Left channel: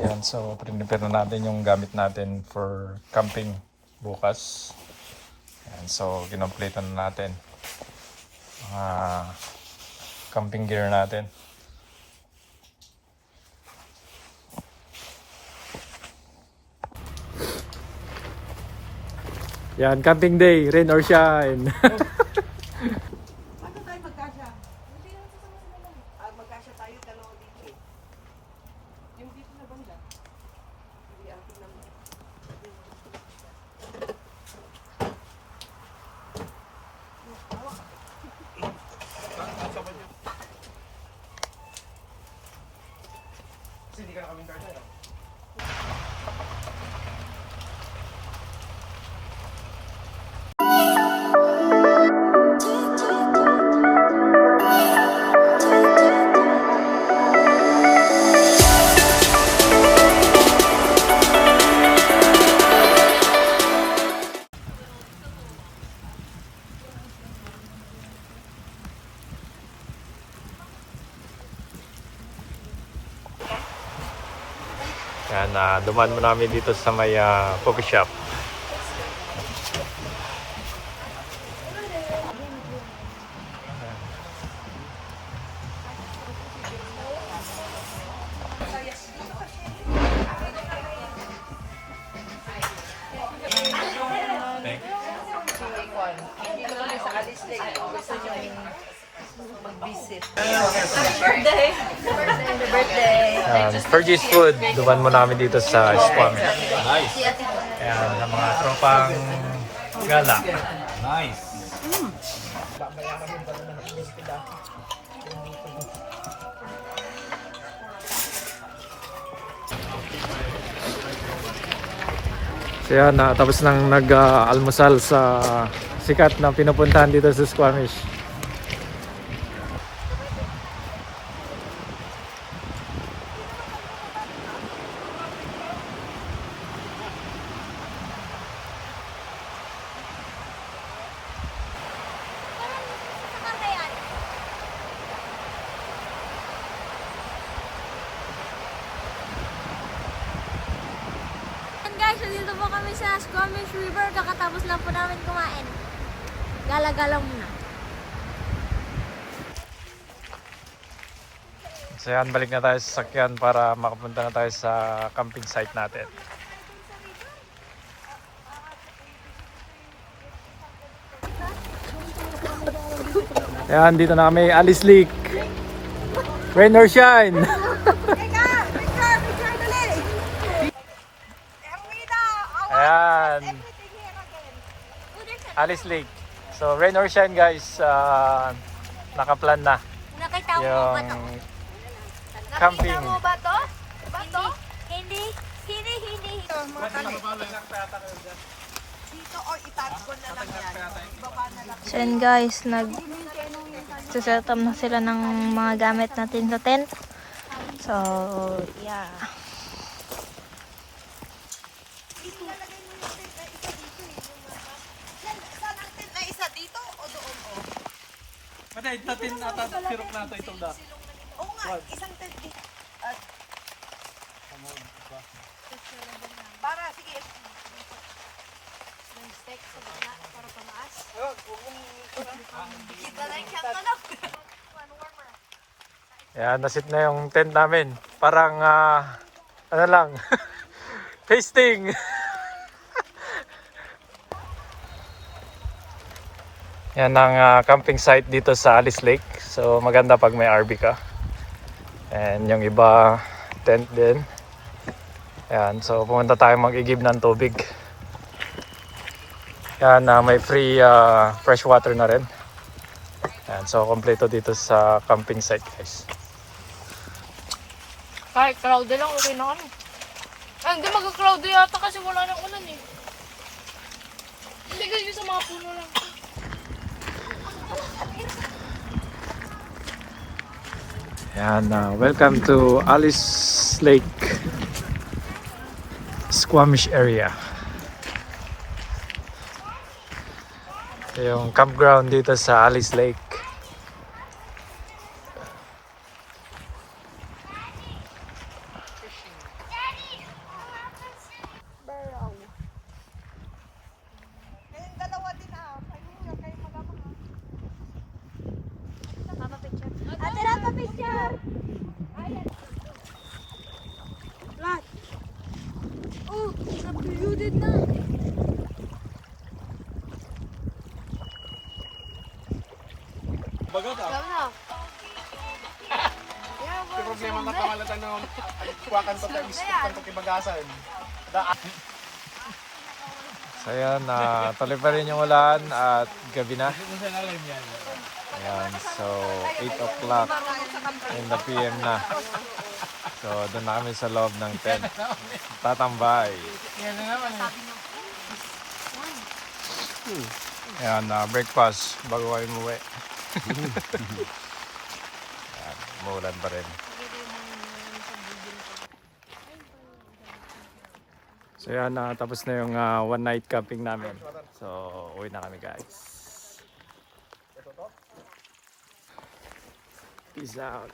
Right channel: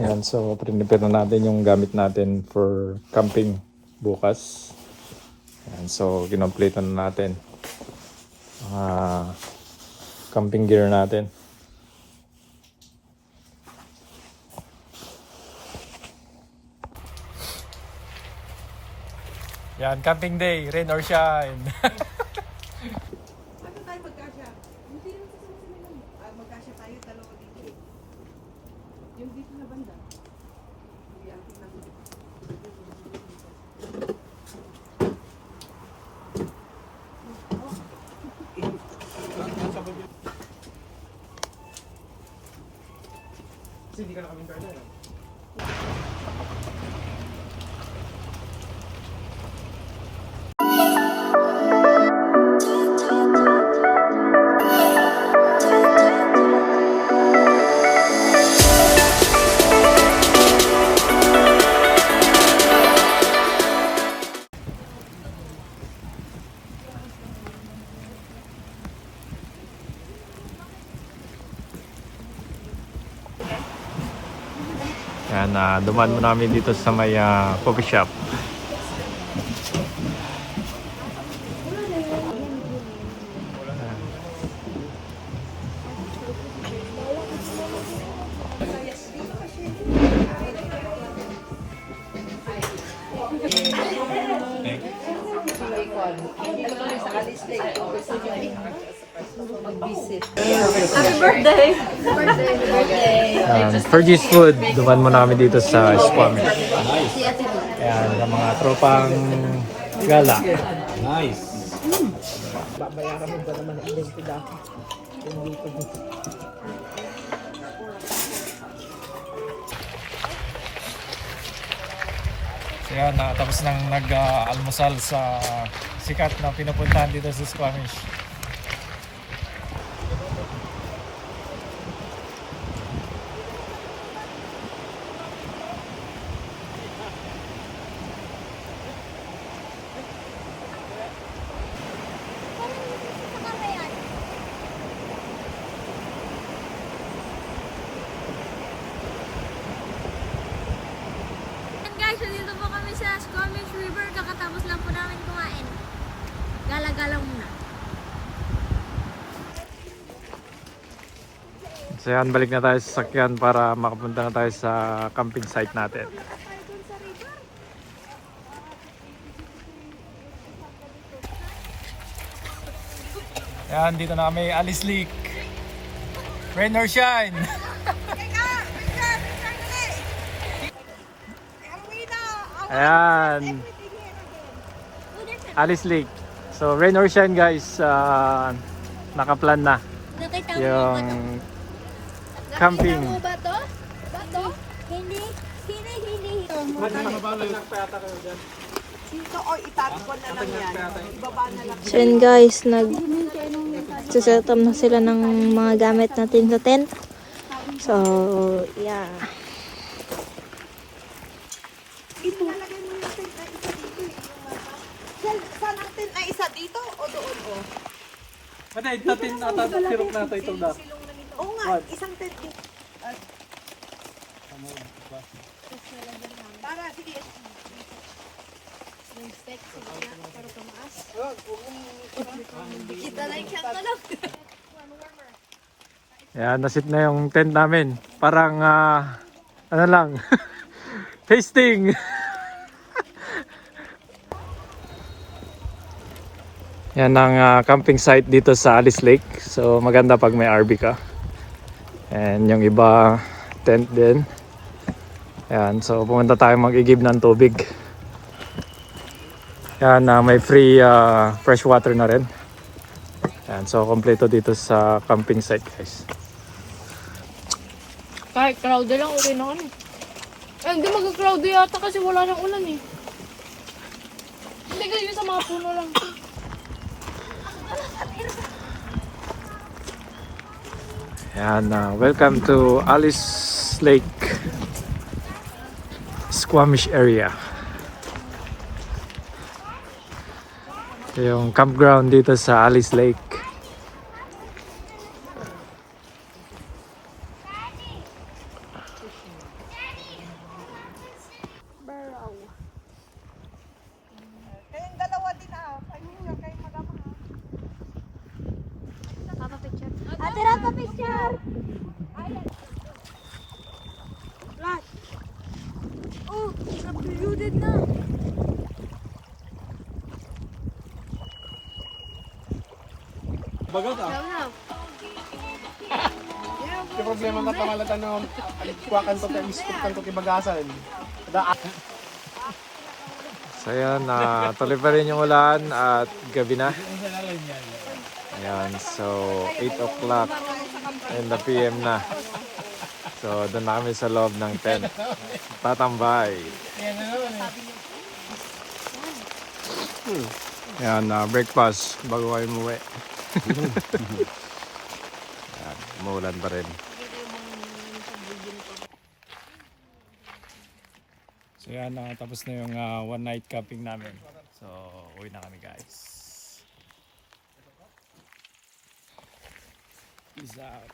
Yan, so prepare na natin yung gamit natin for camping bukas. Yan, so kinomplete na natin mga camping gear natin. Yan, camping day, rain or shine. Ano tayo magkasya? Hindi naman kasama sa mga magkasya tayo dalawa dito eh. Yung dito na banda. Hindi atin na. Kasi hindi ka nakabintay na. Yan, dumaan namin dito sa may coffee shop. Mag-visit. Happy birthday! Happy birthday! For this food, dumaan mo namin dito sa Squamish. Nice. Yan, ang mga tropang gala. Nice. So yan, tapos nang nag-almusal sa sikat na pinupuntahan dito sa Squamish. Guys, dito po kami sa Squamish River. Kakatapos lang po namin kumain. Gala-gala muna. So yan, balik na tayo sa sakyan para makapunta na tayo sa camping site natin. Yan, dito na kami, Alice Lake. Rain or shine. Ayan, Alice Lake. So rain or shine guys, nakaplan na. Nakita mo ba to? Camping. Nakita mo ba to? Bato? Hindi. Hindi. Dito o itatapon na lang yan. Ibaba na lang. So yun guys, nag-set up na sila ng mga gamit natin sa tent. So, yeah. Saan natin ay isa dito o doon o? Matay, natin sirok na ito na. Oo nga, isang tent dito. Para, sige. Kita lang siyang kalap. Yan, nasit na yung tent namin. Parang, ano lang, tasting. Yan ang camping site dito sa Alice Lake. So maganda pag may RV ka. And yung iba, tent din. Yan, so pumunta tayo mag-igib ng tubig. Yan, may free fresh water na rin. Yan, so kompleto dito sa camping site guys. Kahit cloudy lang, okay na kami. Ay, hindi mag-cloudy yata kasi wala nang ulan eh. Hindi ganyan sa mga puno lang. Yan, welcome to Alice Lake Squamish area. Yung campground dito sa Alice Lake. Sabi na. Yan, Yung problema na pangalatan ng kuwakan ko kibagasan. So yan, tuloy pa rin yung ulan at gabi na. Ayan, so 8 o'clock in the PM na. So doon na kami sa loob ng tent. Tatambay. Yan na naman eh. Yan, breakfast bago kayo umuwi. Umuulan pa rin. So yan, tapos na yung one night camping namin. So uwi na kami guys. Peace out.